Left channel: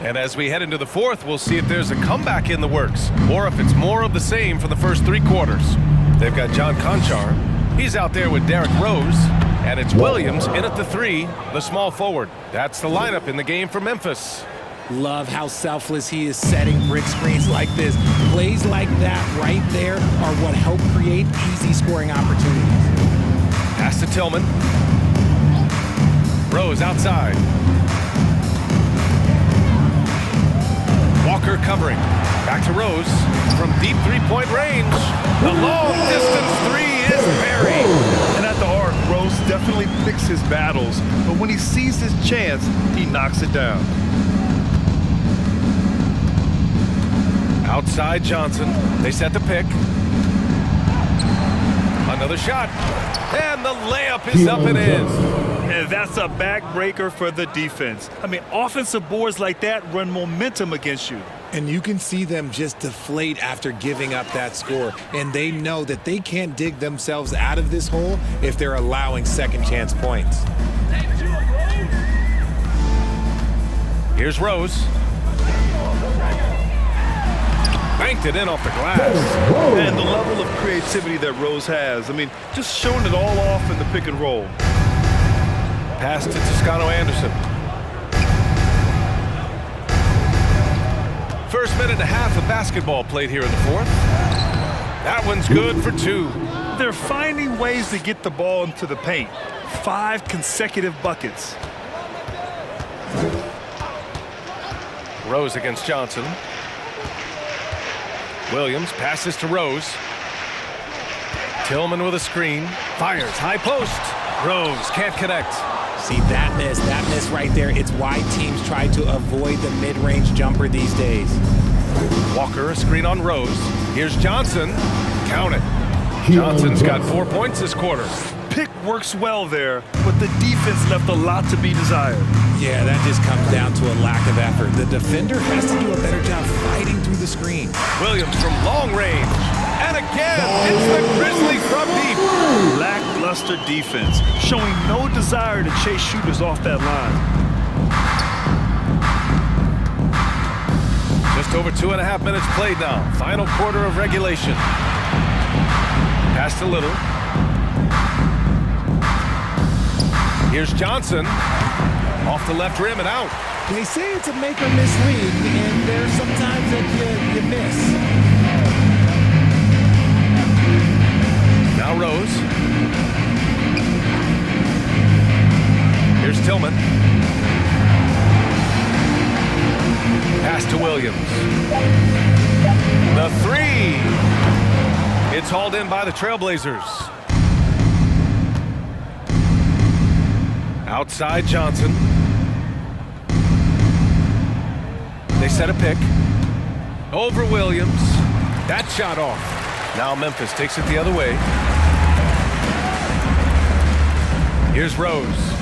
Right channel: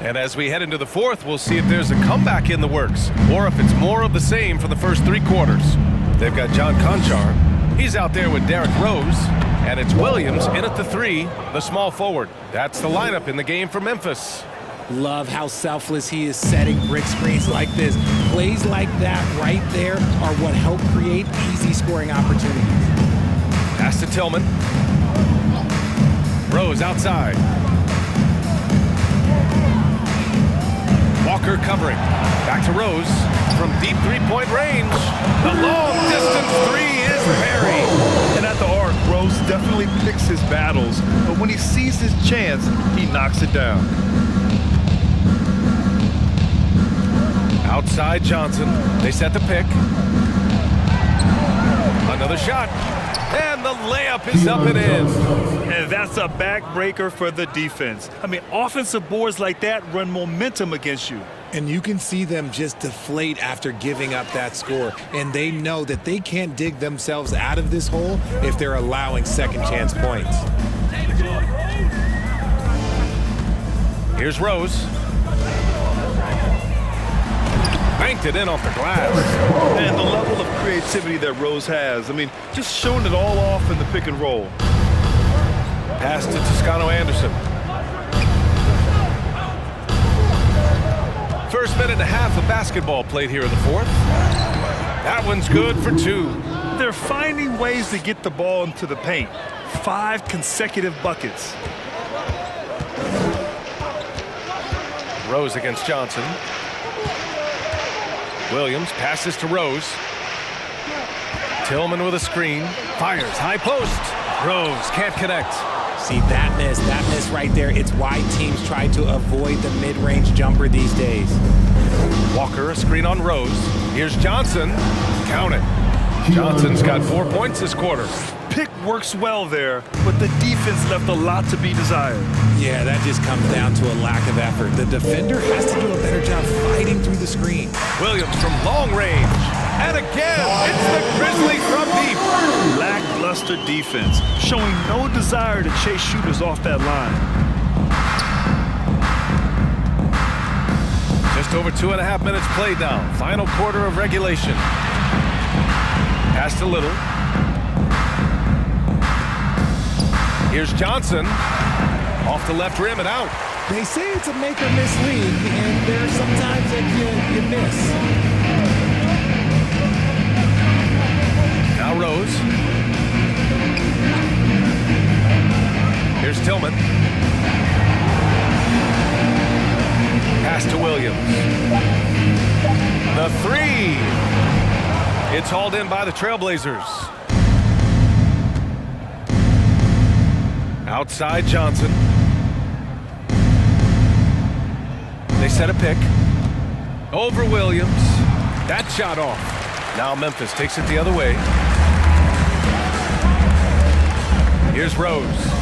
And as we head into the fourth, we'll see if there's a comeback in the works or if it's more of the same for the first three quarters. They've got John Conchar. He's out there with Derrick Rose. And it's Williams in at the three, the small forward. That's the lineup in the game for Memphis. Love how selfless he is setting brick screens like this. Plays like that right there are what help create easy scoring opportunities. Pass to Tillman. Rose outside. Walker covering. Back to Rose from deep three-point range. The long-distance three is buried. And at the arc, Rose definitely picks his battles, but when he sees his chance, he knocks it down. Outside Johnson. They set the pick. Another shot. And the layup is up and in. And that's a backbreaker for the defense. I mean, offensive boards like that run momentum against you. And you can see them just deflate after giving up that score. And they know that they can't dig themselves out of this hole if they're allowing second chance points. Here's Rose. Banked it in off the glass. And the level of creativity that Rose has, I mean, just showing it all off in the pick and roll. Pass to Toscano-Anderson. First minute and a half of basketball played here in the fourth. That one's good for two. They're finding ways to get the ball into the paint. 5 consecutive buckets. Rose against Johnson. Williams passes to Rose. Tillman with a screen. Fires, high post. Rose can't connect. See, that miss right there, it's why teams try to avoid the mid-range jumper these days. Walker, a screen on Rose. Here's Johnson. Count it. Johnson's got 4 points this quarter. Pick works well there, but the defense left a lot to be desired. Yeah, that just comes down to a lack of effort. The defender has to do a better job fighting through the screen. Williams from long range. And again, it's the Grizzlies from deep. Lackluster defense, showing no desire to chase shooters off that line. Just over 2.5 minutes played now. Final quarter of regulation. Pass to Little. Here's Johnson. Off the left rim and out. They say it's a make or miss league, and there's sometimes that you miss. Now Rose. Here's Tillman. Pass to Williams. The three. It's hauled in by the Trailblazers. Outside Johnson. They set a pick. Over Williams. That shot off. Now Memphis takes it the other way. Here's Rose.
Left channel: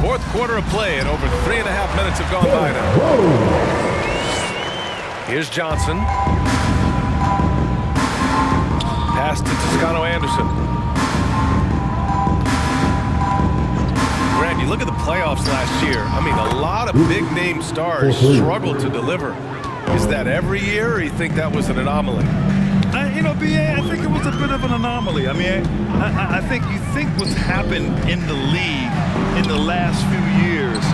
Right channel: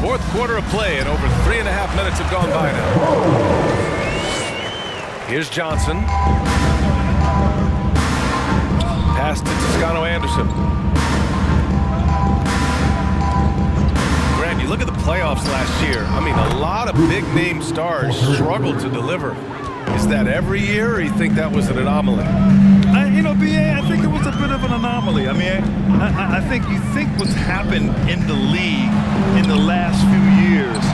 Fourth quarter of play, and over 3.5 minutes have gone by now. Here's Johnson. Pass to Toscano-Anderson. Grant, you look at the playoffs last year. I mean, a lot of big-name stars struggled to deliver. Is that every year, or you think that was an anomaly? You know, B.A., I think it was a bit of an anomaly. I mean, I think you think what's happened in the league in the last few years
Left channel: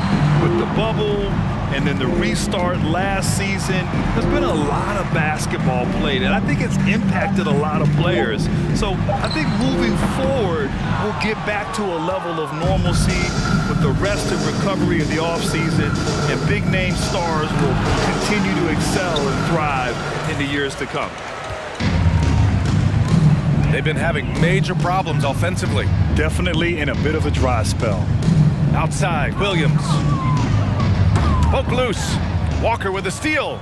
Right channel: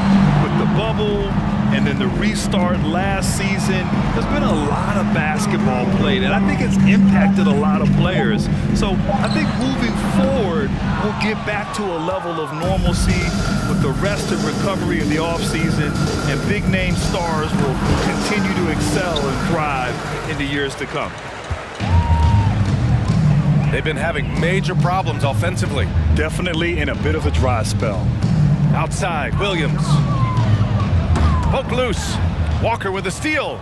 with the bubble and then the restart last season, there's been a lot of basketball played, and I think it's impacted a lot of players. So I think moving forward, we'll get back to a level of normalcy with the rest and recovery of the offseason, and big-name stars will continue to excel and thrive in the years to come. They've been having major problems offensively. Definitely in a bit of a dry spell. Outside, Williams. Poke loose. Walker with a steal.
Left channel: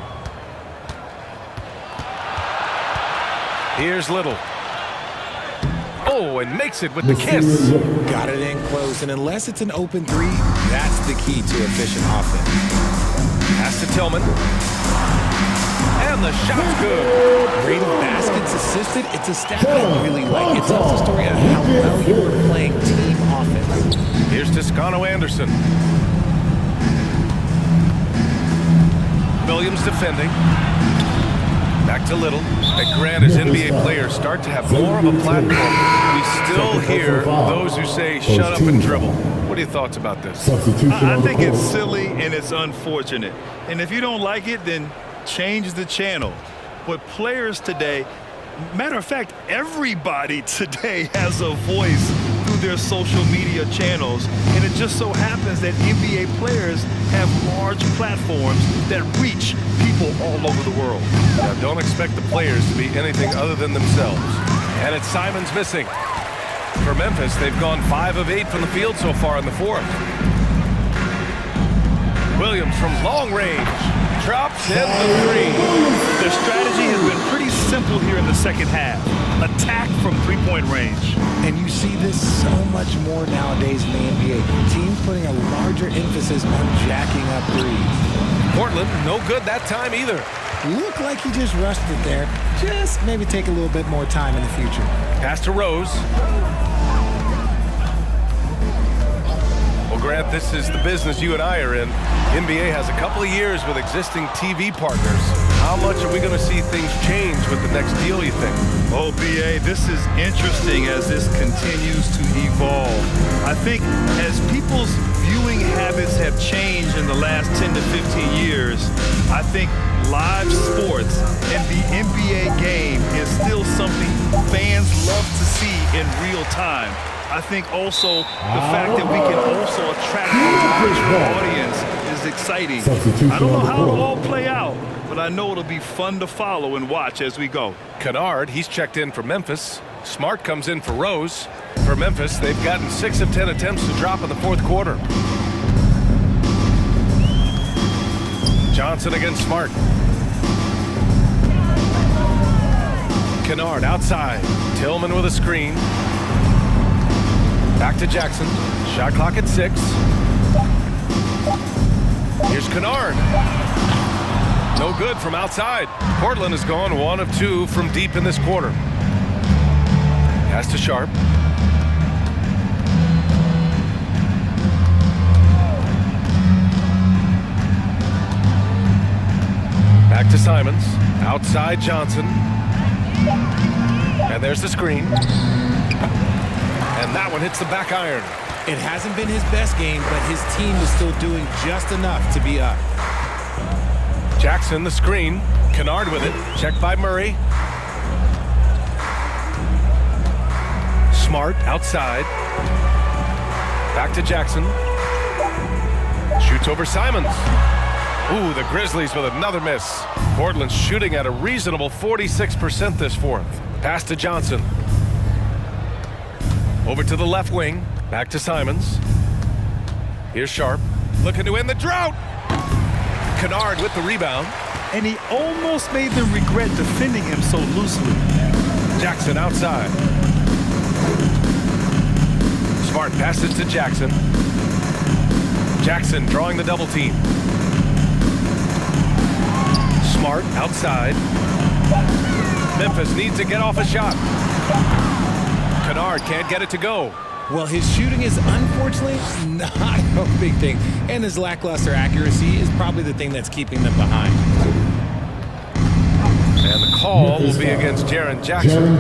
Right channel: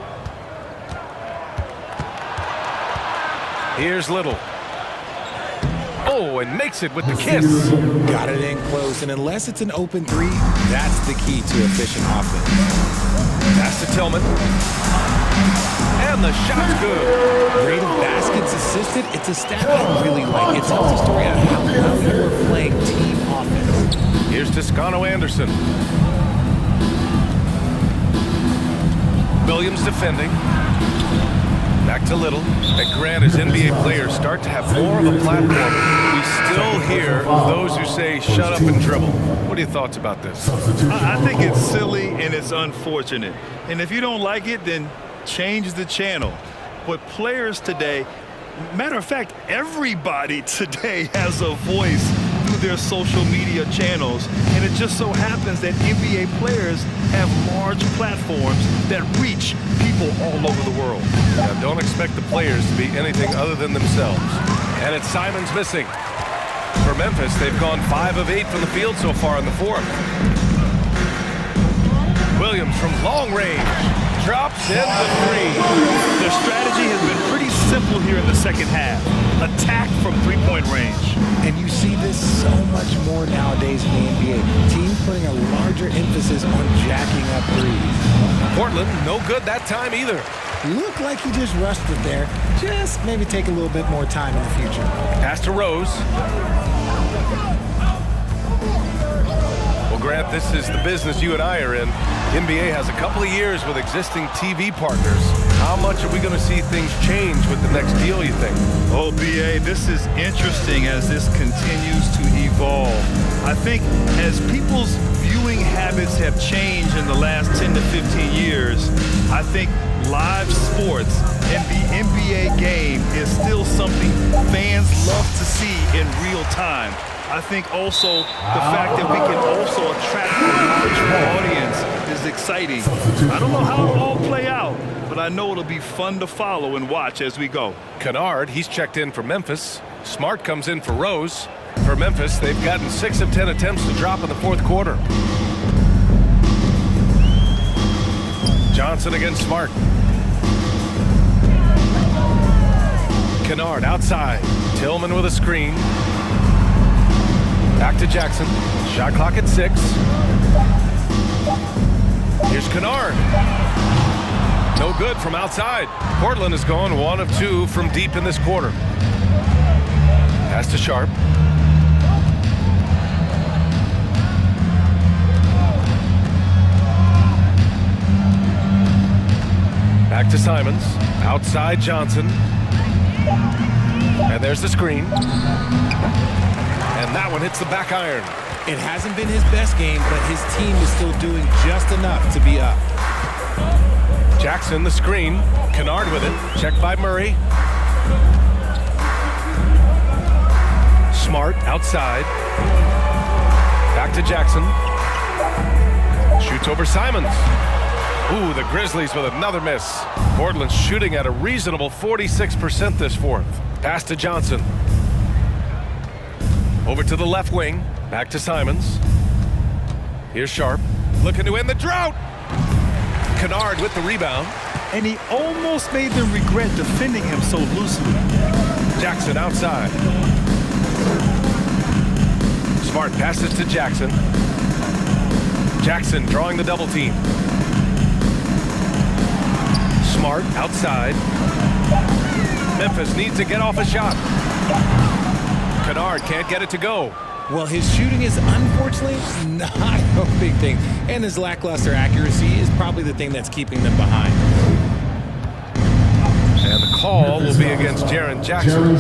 Here's Little. Oh, and makes it with the kiss. Got it in close, and unless it's an open three, that's the key to efficient offense. Pass to Tillman. And the shot's good. Rate of baskets assisted, it's a stat I really like. It tells a story of how well you are playing team offense. Here's Toscano Anderson. Williams defending. Back to Little. And Grant, as NBA players start to have more of a platform, we still hear those who say, shut up and dribble. What are your thoughts about this? I think it's silly and it's unfortunate. And if you don't like it, then change the channel. But players today, matter of fact, everybody today has a voice through their social media channels. And it just so happens that NBA players have large platforms that reach people all over the world. Now, don't expect the players to be anything other than themselves. And it's Simons missing. For Memphis, they've gone 5 of 8 from the field so far in the fourth. Williams from long range. Drops in the 3. Their strategy has been pretty simple here in the second half. Attack from three-point range. And you see this so much more nowadays in the NBA. Teams putting a larger emphasis on jacking up threes. Portland, no good that time either. Looked like he just rushed it there. Just maybe take a little bit more time in the future. Pass to Rose. Well, Grant, this is the business you and I are in. NBA has a couple of years with existing TV partners. How much are we going to see things change with the next deal, you think? Oh, BA, this is interesting as this continues to evolve. I think as people's viewing habits have changed in the last 10 to 15 years, I think live sports and the NBA game is still something fans love to see in real time. I think also the fact that we can also attract a larger audience is exciting. I don't know how it'll all play out, but I know it'll be fun to follow and watch as we go. Kennard, he's checked in for Memphis. Smart comes in for Rose. For Memphis, they've gotten 6 of 10 attempts to drop in the fourth quarter. Johnson against Smart. Kennard outside. Tillman with a screen. Back to Jackson. Shot clock at 6. Here's Kennard. No good from outside. Portland has gone 1 of 2 from deep in this quarter. Pass to Sharp. Back to Simons. Outside Johnson. And there's the screen. And that one hits the back iron. It hasn't been his best game, but his team is still doing just enough to be up. Jackson, the screen. Kennard with it. Checked by Murray. Smart outside. Back to Jackson. Shoots over Simons. Ooh, the Grizzlies with another miss. Portland's shooting at a reasonable 46% this fourth. Pass to Johnson. Over to the left wing. Back to Simons. Here's Sharp. Looking to end the drought. Kennard with the rebound. And he almost made them regret defending him so loosely. Jackson outside. Smart passes to Jackson. Jackson drawing the double team. Smart outside. Memphis needs to get off a shot. Kennard can't get it to go. Well, his shooting is unfortunately not a big thing, and his lackluster accuracy is probably the thing that's keeping them behind. And the call will be against Jaren Jackson.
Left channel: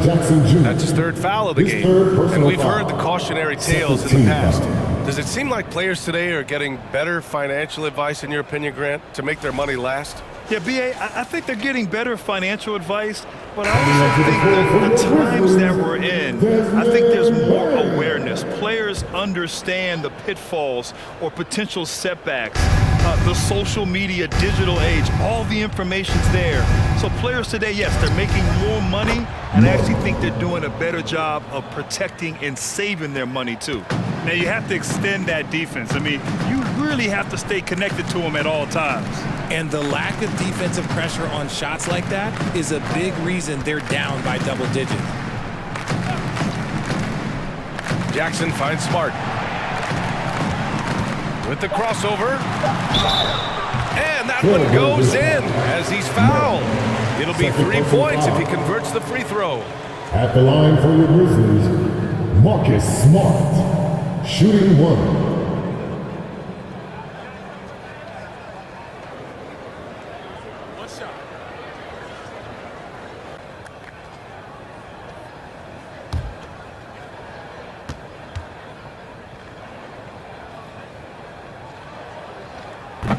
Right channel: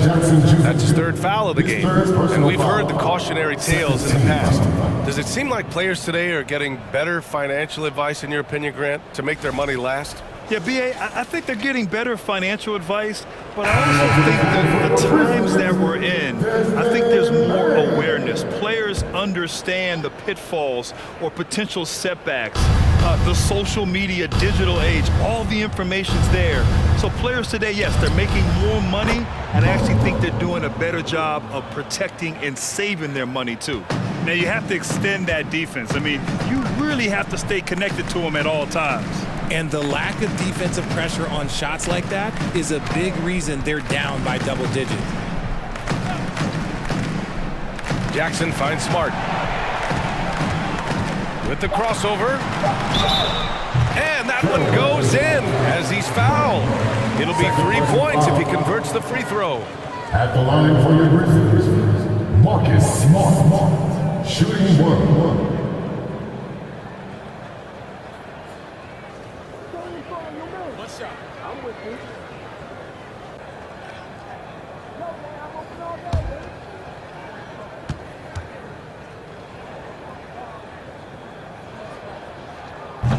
That's his 3rd foul of the game. And we've heard the cautionary tales in the past. Does it seem like players today are getting better financial advice, in your opinion, Grant, to make their money last? Yeah, B.A., I think they're getting better financial advice, but I also think that the times that we're in, I think there's more awareness. Players understand the pitfalls or potential setbacks, the social media, digital age, all the information's there. So players today, yes, they're making more money, and I actually think they're doing a better job of protecting and saving their money, too. Now, you have to extend that defense. I mean, you really have to stay connected to them at all times. And the lack of defensive pressure on shots like that is a big reason they're down by double digits. Jackson finds Smart. With the crossover. And that one goes in as he's fouled. It'll be 3 points if he converts the free throw. At the line for your Grizzlies, Marcus Smart. shooting one. One shot.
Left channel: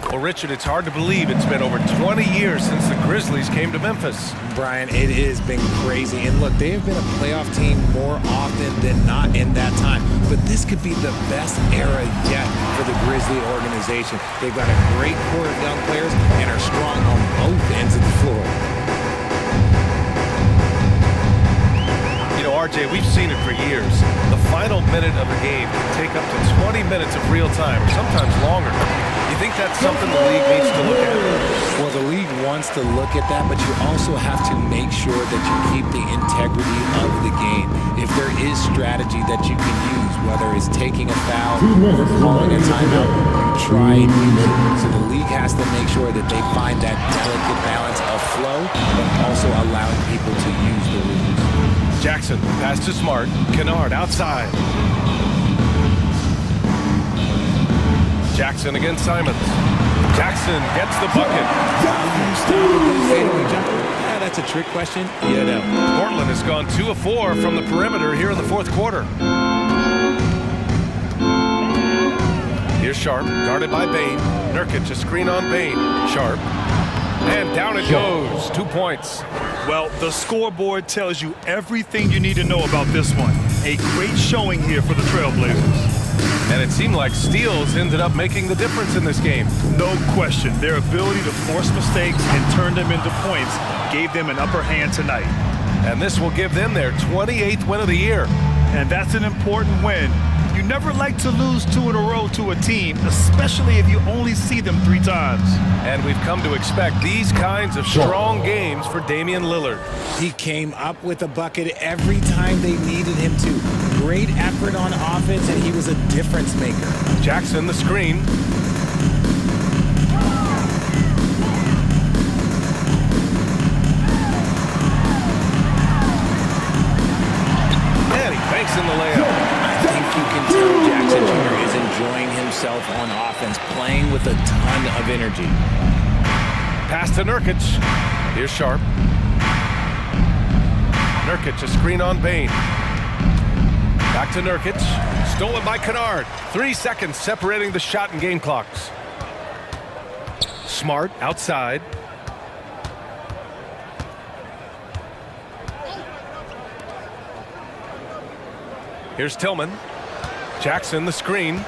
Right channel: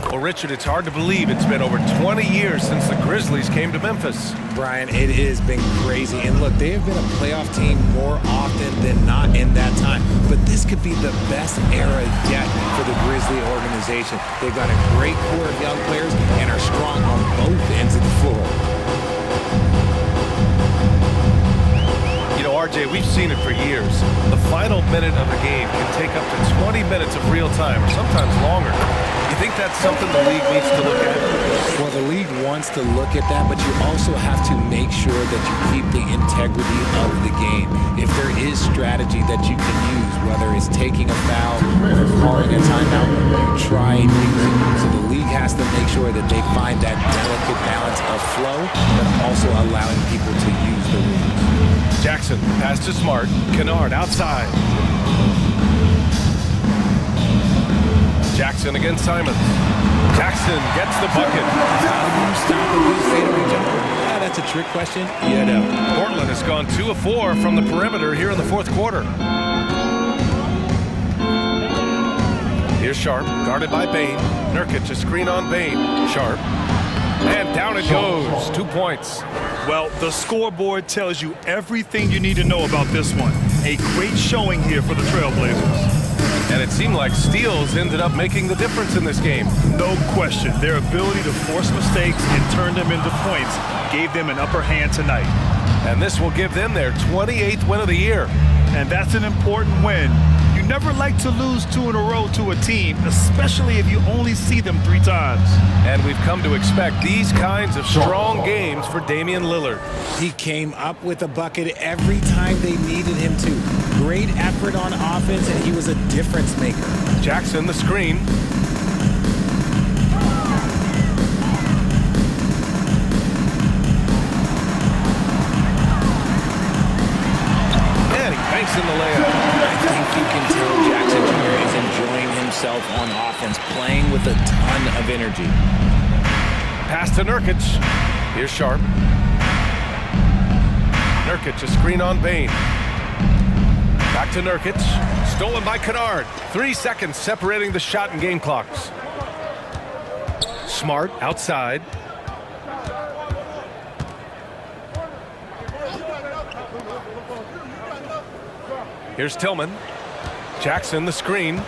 Well, Richard, it's hard to believe it's been over 20 years since the Grizzlies came to Memphis. Brian, it has been crazy. And look, they have been a playoff team more often than not in that time. But this could be the best era yet for the Grizzly organization. They've got a great core of young players and are strong on both ends of the floor. You know, RJ, we've seen it for years. The final minute of a game can take up to 20 minutes of real time, or sometimes longer. You think that's something the league needs to look at? Well, the league wants to look at that, but you also have to make sure that you keep the integrity of the game. If there is strategy that you can use, whether it's taking a foul or calling a timeout, you try and use it. So the league has to make sure that they find that delicate balance of flow, but also allowing people to use the rules. Jackson, pass to Smart. Kennard outside. Jackson against Simons. Jackson gets the bucket. How do you stop a good fadeaway jumper? Yeah, that's a trick question. You know. Portland has gone 2 of 4 from the perimeter here in the fourth quarter. Here's Sharp, guarded by Bain. Nurkic, a screen on Bain. Sharp. And down it goes. 2 points. Well, the scoreboard tells you everything you need to know about this one. A great showing here for the Trailblazers. And it seemed like steals ended up making the difference in this game. No question. Their ability to force mistakes and turn them into points gave them an upper hand tonight. And this will give them their 28th win of the year. And that's an important win. You never like to lose 2 in a row to a team, especially if you only see them 3 times. And we've come to expect these kinds of strong games for Damian Lillard. He came up with a bucket every time they needed him to. Great effort on offense, and he was a difference maker. Jackson, the screen. And he banks in the layup. I think you can tell Jackson Jr. is enjoying himself on offense, playing with a ton of energy. Pass to Nurkic. Here's Sharp. Nurkic, a screen on Bain. Back to Nurkic. Stolen by Kennard. 3 seconds separating the shot and game clocks. Smart outside. Here's Tillman. Jackson, the screen.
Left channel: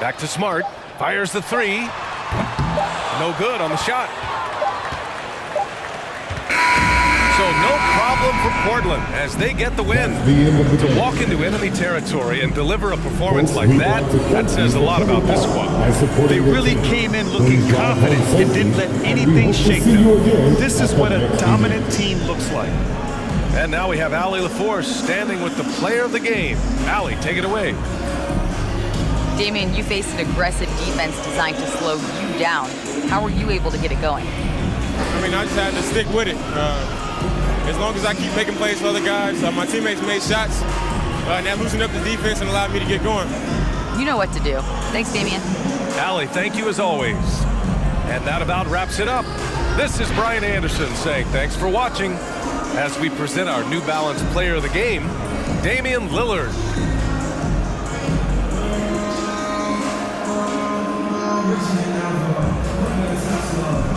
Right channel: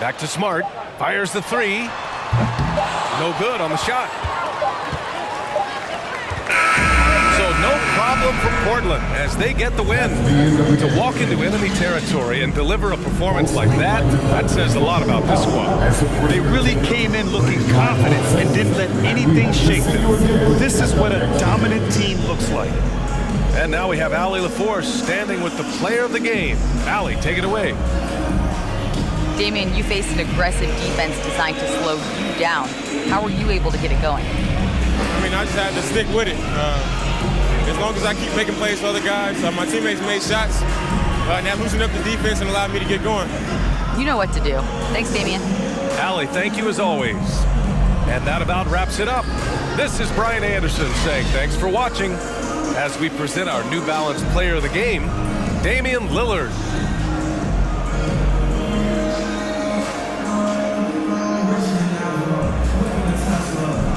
Back to Smart. Fires the 3. No good on the shot. So no problem for Portland as they get the win. To walk into enemy territory and deliver a performance like that, that says a lot about this squad. They really came in looking confident and didn't let anything shake them. This is what a dominant team looks like. And now we have Allie LaForce standing with the player of the game. Allie, take it away. Damian, you faced an aggressive defense designed to slow you down. How were you able to get it going? I mean, I just had to stick with it. As long as I keep making plays for other guys, my teammates made shots, and that loosened up the defense and allowed me to get going. You know what to do. Thanks, Damian. Allie, thank you as always. And that about wraps it up. This is Brian Anderson saying thanks for watching as we present our New Balance player of the game, Damian Lillard. Tesla.